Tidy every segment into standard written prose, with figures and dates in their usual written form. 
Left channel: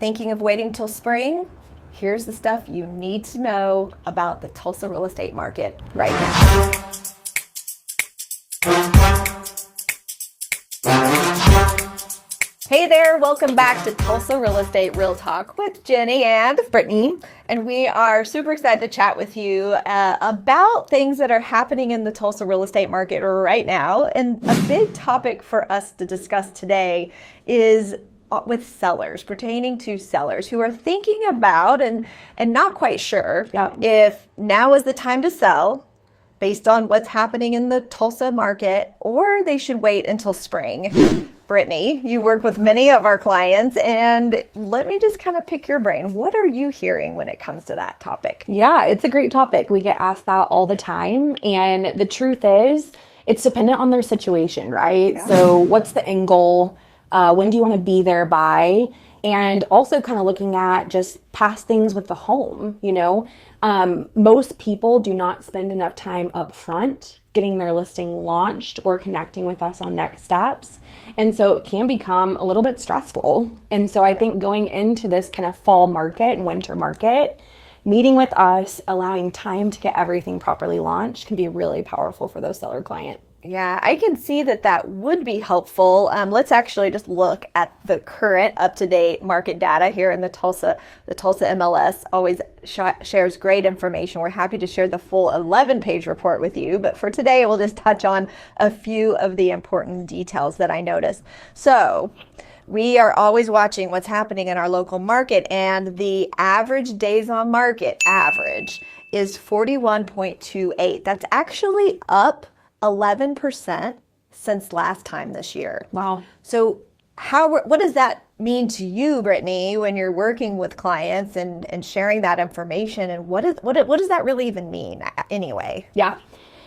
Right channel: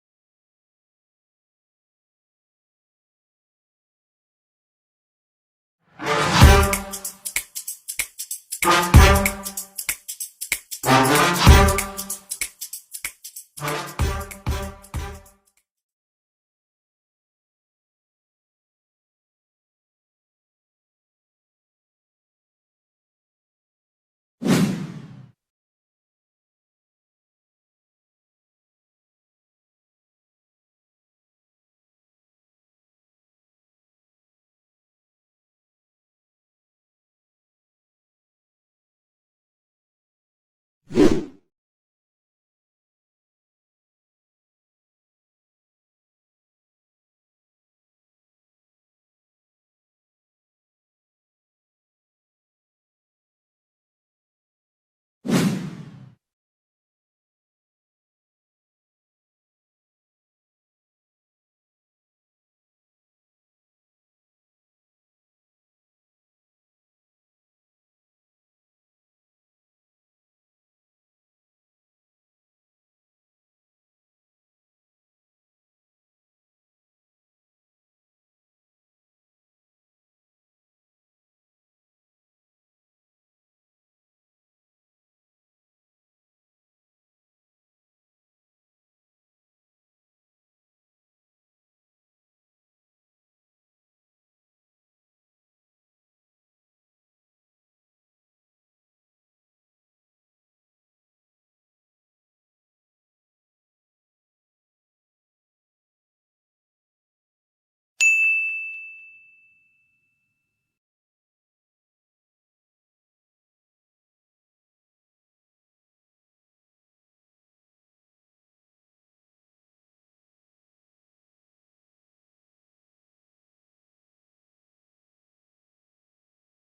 Thinking of waiting till spring? Here's the stuff you need to know about the Tulsa real estate market right now. Hey there, welcome back to Tulsa Real Estate Real Talk with Jennie and Brittney. And we are super excited to chat with you about things that are happening in the Tulsa real estate market right now. And a big topic for us to discuss today is with sellers, pertaining to sellers who are thinking about and not quite sure if now is the time to sell based on what's happening in the Tulsa market, or they should wait until spring. Brittney, you work with many of our clients, and let me just kind of pick your brain. What are you hearing when it comes to that topic? Yeah, it's a great topic. We get asked that all the time. And the truth is, it's dependent on their situation, right? Yeah. So what's the end goal? When do you want to be there by? And also kind of looking at just past things with the home, most people do not spend enough time up front getting their listing launched or connecting with us on next steps. And so it can become a little bit stressful. And so I think going into this kind of fall market and winter market, meeting with us, allowing time to get everything properly launched can be really powerful for those seller clients. Yeah, I can see that would be helpful. Let's actually just look at the current up-to-date market data here in the Tulsa. The Tulsa MLS always shares great information. We're happy to share the full 11-page report with you, but for today, we'll just touch on a few of the important details that I noticed. So, we are always watching what's happening in our local market, and the average days on market average is 41.28. That's actually up 11% since last time this year. Wow. So what does that mean to you, Brittney, when you're working with clients and sharing that information? And what does that really even mean anyway? Yeah.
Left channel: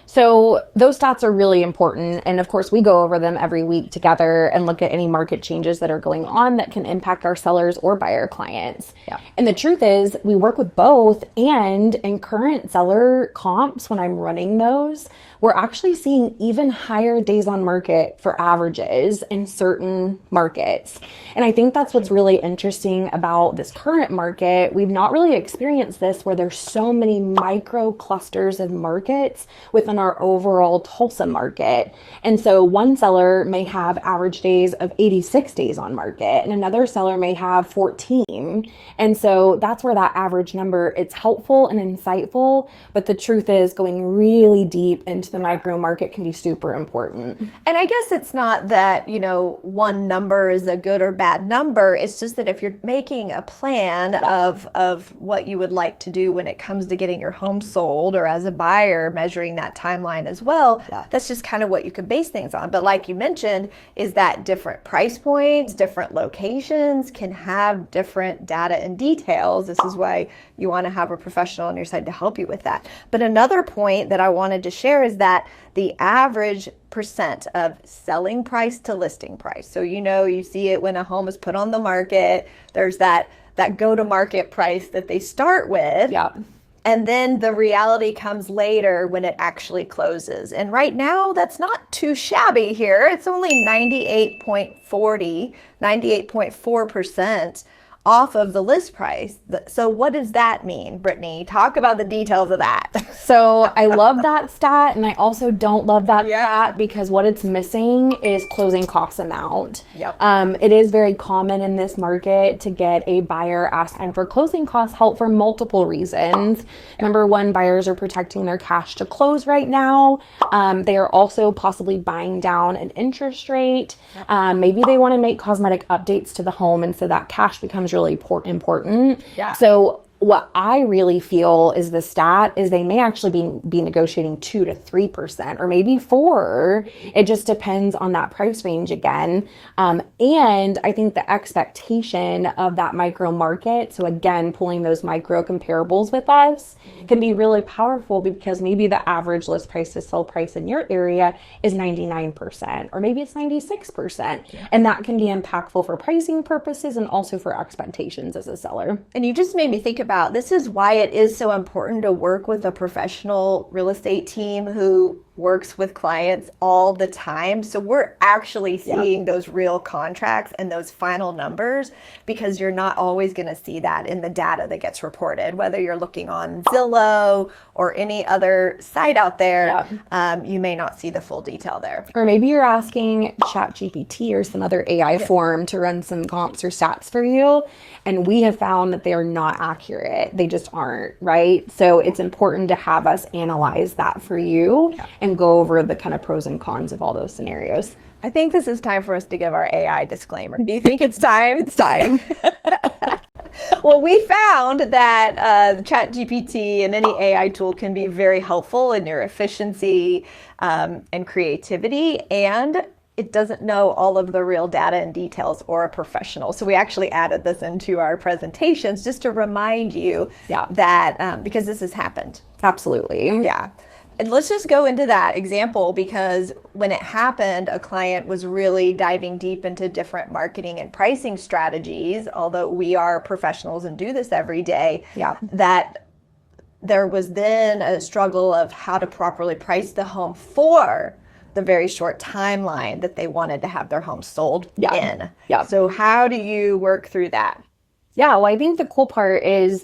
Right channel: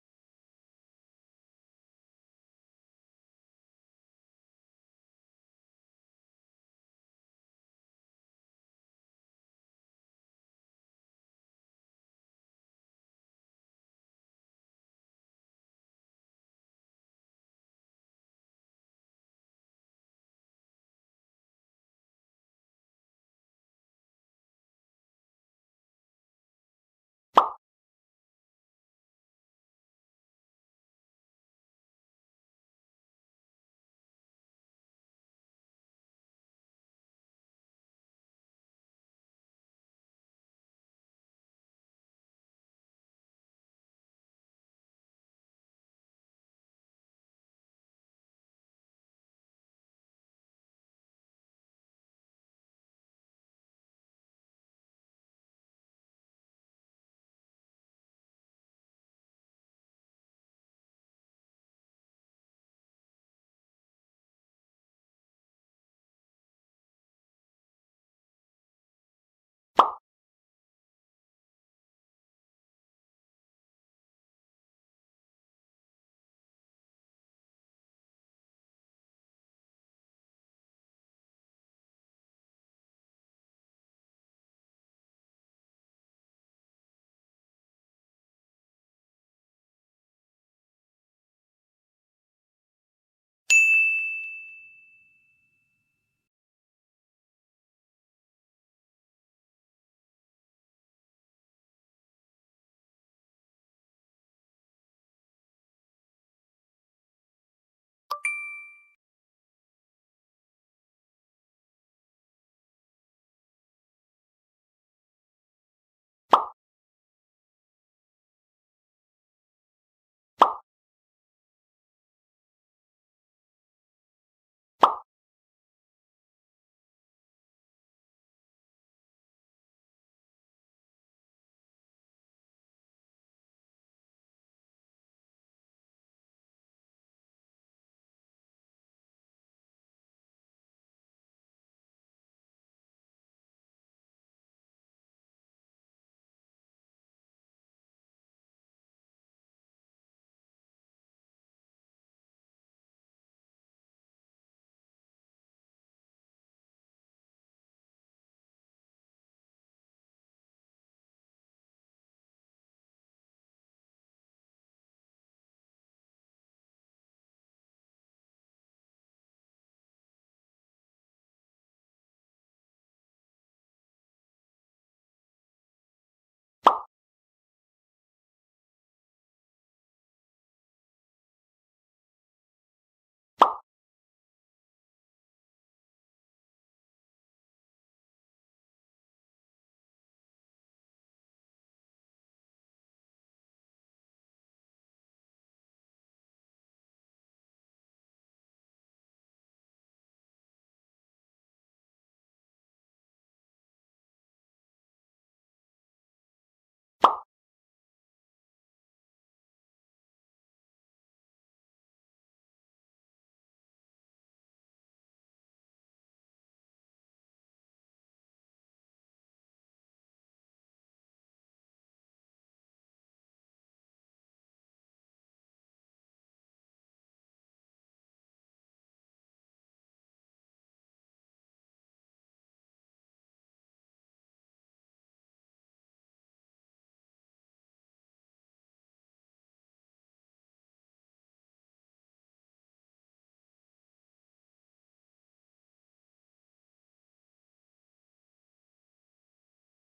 So those stats are really important. And of course, we go over them every week together and look at any market changes that are going on that can impact our sellers or buyer clients. Yeah. And the truth is we work with both, and in current seller comps, when I'm running those, we're actually seeing even higher days on market for averages in certain markets. And I think that's what's really interesting about this current market. We've not really experienced this where there's so many micro clusters of markets within our overall Tulsa market. And so one seller may have average days of 86 days on market, and another seller may have 14. And so that's where that average number, it's helpful and insightful, but the truth is going really deep into the micro market can be super important. And I guess it's not that, one number is a good or bad number. It's just that if you're making a plan of what you would like to do when it comes to getting your home sold, or as a buyer measuring that timeline as well, that's just kind of what you could base things on. But like you mentioned, is that different price points, different locations can have different data and details. This is why you want to have a professional on your side to help you with that. But another point that I wanted to share is that the average percent of selling price to listing price. So you see it when a home is put on the market, there's that go-to-market price that they start with. Yeah. And then the reality comes later when it actually closes. And right now, that's not too shabby here. It's only 98.4% off of the list price. So what does that mean, Brittney? Talk about the details of that. So I love that stat, and I also don't love that stat because what it's missing is closing cost amount. Yep. It is very common in this market to get a buyer asking for closing cost help for multiple reasons. Number one, buyers are protecting their cash to close right now. They are also possibly buying down an interest rate. Maybe they want to make cosmetic updates to the home, and so that cash becomes really important. Yeah. So what I really feel is the stat is they may actually be negotiating 2 to 3% or maybe 4. It just depends on that price range again. And I think the expectation of that micro market, so again, pulling those micro comparables with us can be really powerful because maybe the average list price to sell price in your area is 99% or maybe it's 96%. And that can be impactful for pricing purposes and also for expectations as a seller. And you just made me think about, this is why it is so important to work with a professional real estate team who works with clients all the time. So we're actually seeing those real contracts and those final numbers, because you're not always going to see that in the data that gets reported, whether you're looking on Zillow or any other site out there. You may not see the full detail there. Or maybe you're asking ChatGPT or some other AI form to run some comps or stats for you. And we have found that they are not accurate. They just aren't, right? So it's important to have us analyze that for you and go over the kind of pros and cons of all those scenarios. I think this is time for us to give our AI disclaimer. Do you think it's time? It's time. Well, we found that ChatGPT and any AI tool can be very helpful in your efficiency and creativity, and it doesn't know all of the real data and details or a professional. So we actually added this into our presentations just to remind you that because this has happened. Absolutely. Yeah. And let's just go into that example, because when it happened, a client was really diving deep into different marketing and pricing strategies, although we are professionals and do this every day, that there was then a struggle of how to properly price the home for the very short timeline that they wanted to have their home sold in. So how do you work through that? Yeah, well, I think the cool part is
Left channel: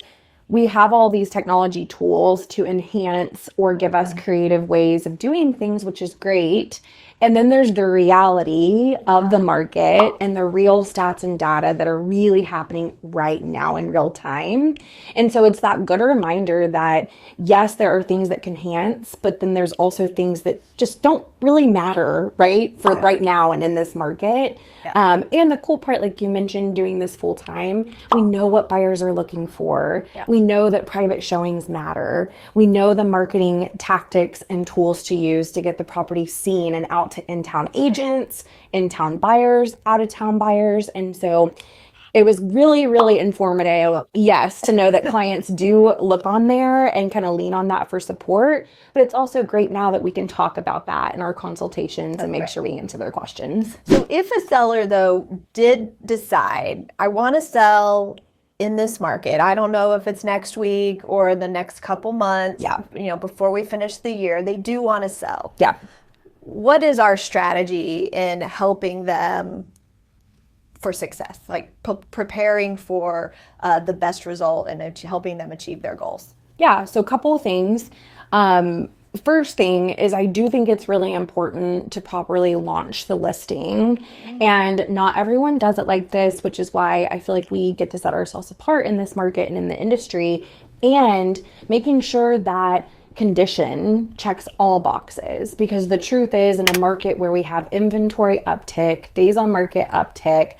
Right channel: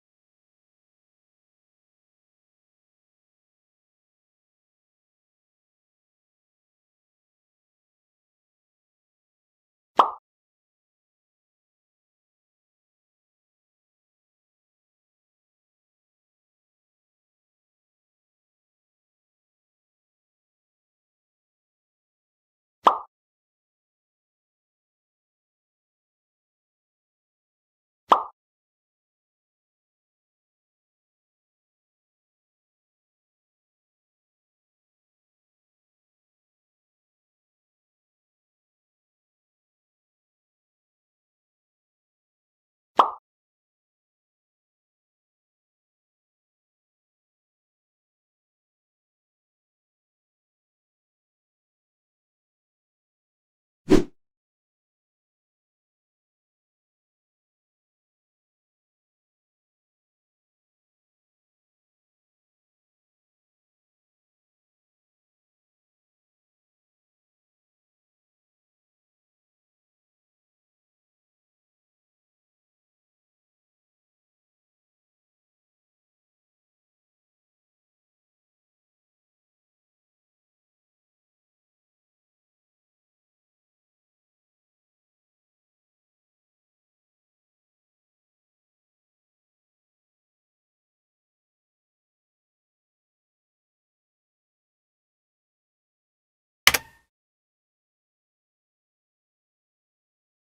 we have all these technology tools to enhance or give us creative ways of doing things, which is great. And then there's the reality of the market and the real stats and data that are really happening right now in real time. And so it's that good reminder that, yes, there are things that can enhance, but then there's also things that just don't really matter, right? For right now and in this market. And the cool part, like you mentioned, doing this full time, we know what buyers are looking for. We know that private showings matter. We know the marketing tactics and tools to use to get the property seen and out to in-town agents, in-town buyers, out-of-town buyers. And so it was really, really informative, yes, to know that clients do look on there and kind of lean on that for support. But it's also great now that we can talk about that in our consultations and make sure we answer their questions. So if a seller, though, did decide, I want to sell in this market, I don't know if it's next week or the next couple months, before we finish the year, they do want to sell. What is our strategy in helping them for success, like preparing for the best result and helping them achieve their goals? Yeah, so a couple of things. First thing is, I do think it's really important to properly launch the listing. And not everyone does it like this, which is why I feel like we get to set ourselves apart in this market and in the industry, and making sure that condition checks all boxes. Because the truth is, in a market where we have inventory uptick, days on market uptick,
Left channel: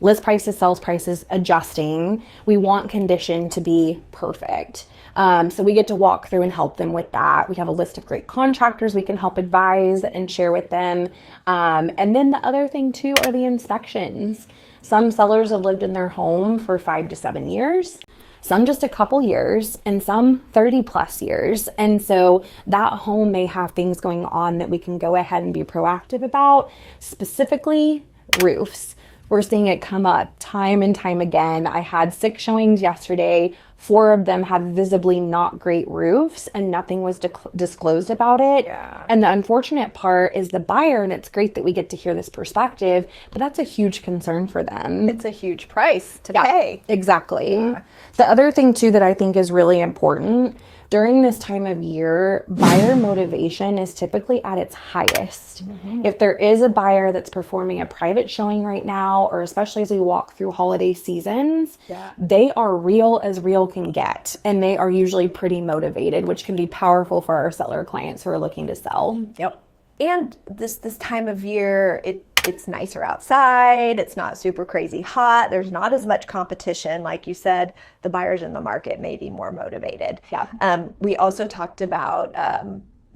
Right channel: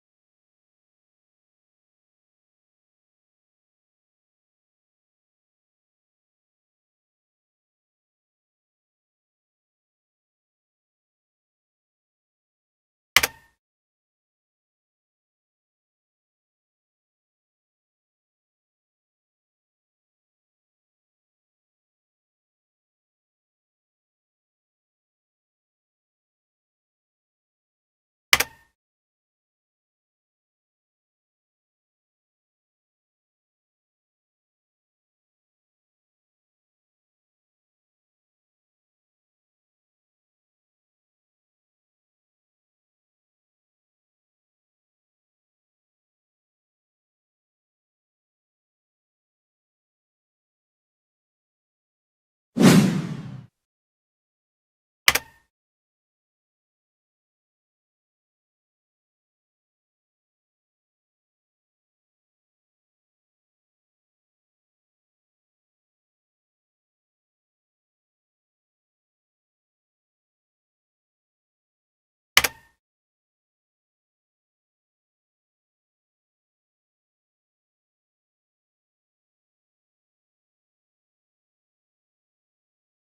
list prices, sales prices adjusting, we want condition to be perfect. So we get to walk through and help them with that. We have a list of great contractors we can help advise and share with them. And then the other thing too are the inspections. Some sellers have lived in their home for 5 to 7 years, some just a couple years, and some 30 plus years. And so that home may have things going on that we can go ahead and be proactive about, specifically roofs. We're seeing it come up time and time again. I had 6 showings yesterday. 4 of them had visibly not great roofs, and nothing was disclosed about it. And the unfortunate part is the buyer, and it's great that we get to hear this perspective, but that's a huge concern for them. It's a huge price to pay. Exactly. The other thing too that I think is really important, during this time of year, buyer motivation is typically at its highest. If there is a buyer that's performing a private showing right now, or especially as we walk through holiday seasons, they are real as real can get. And they are usually pretty motivated, which can be powerful for our seller clients who are looking to sell. And this time of year, it's nicer outside. It's not super crazy hot. There's not as much competition. Like you said, the buyers in the market may be more motivated. We also talked about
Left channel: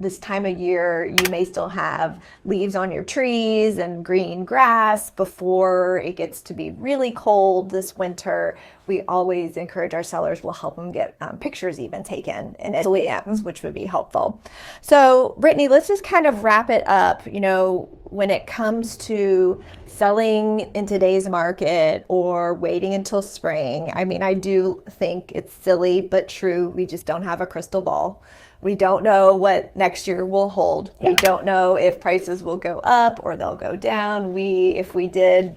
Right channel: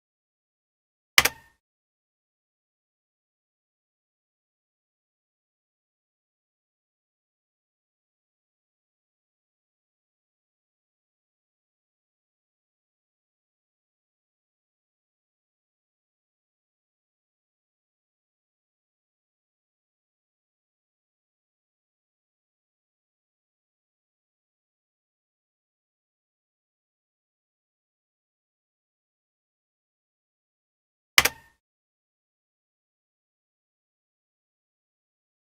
this time of year, you may still have leaves on your trees and green grass before it gets to be really cold this winter. We always encourage our sellers, we'll help them get pictures even taken in SLEMs, which would be helpful. So Brittney, let's just kind of wrap it up. You know, when it comes to selling in today's market or waiting until spring, I mean, I do think it's silly but true. We just don't have a crystal ball. We don't know what next year will hold. We don't know if prices will go up or they'll go down. If we did,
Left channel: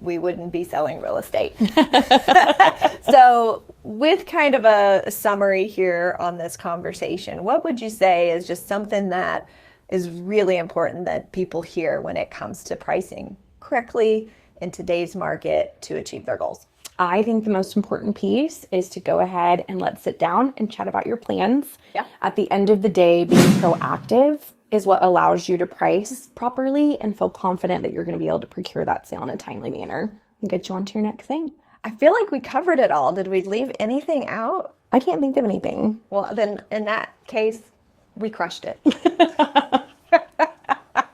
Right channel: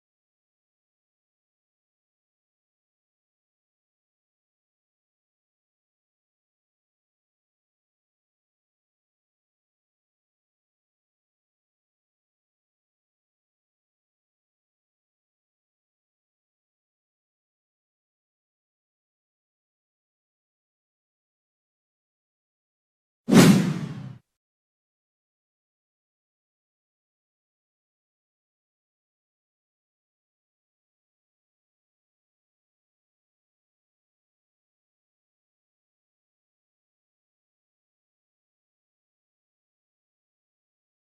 we wouldn't be selling real estate. So with kind of a summary here on this conversation, what would you say is just something that is really important that people hear when it comes to pricing correctly in today's market to achieve their goals? I think the most important piece is to go ahead and let's sit down and chat about your plans. Yeah. At the end of the day, being proactive is what allows you to price properly and feel confident that you're going to be able to procure that sale in a timely manner and get you on to your next thing. I feel like we covered it all. Did we leave anything out? I can't think of anything. Well, then in that case, we crushed it.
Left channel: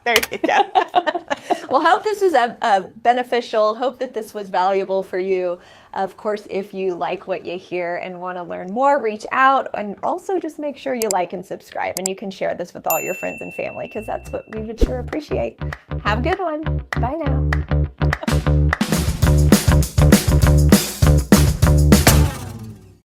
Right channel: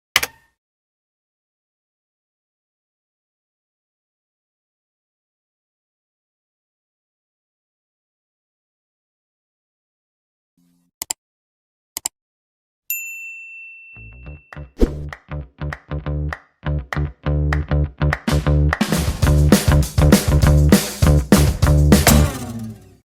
There you go. Well, hope this is beneficial. Hope that this was valuable for you. Of course, if you like what you hear and want to learn more, reach out, and also just make sure you like and subscribe. And you can share this with all your friends and family because that's what we would sure appreciate. Have a good one. Bye now.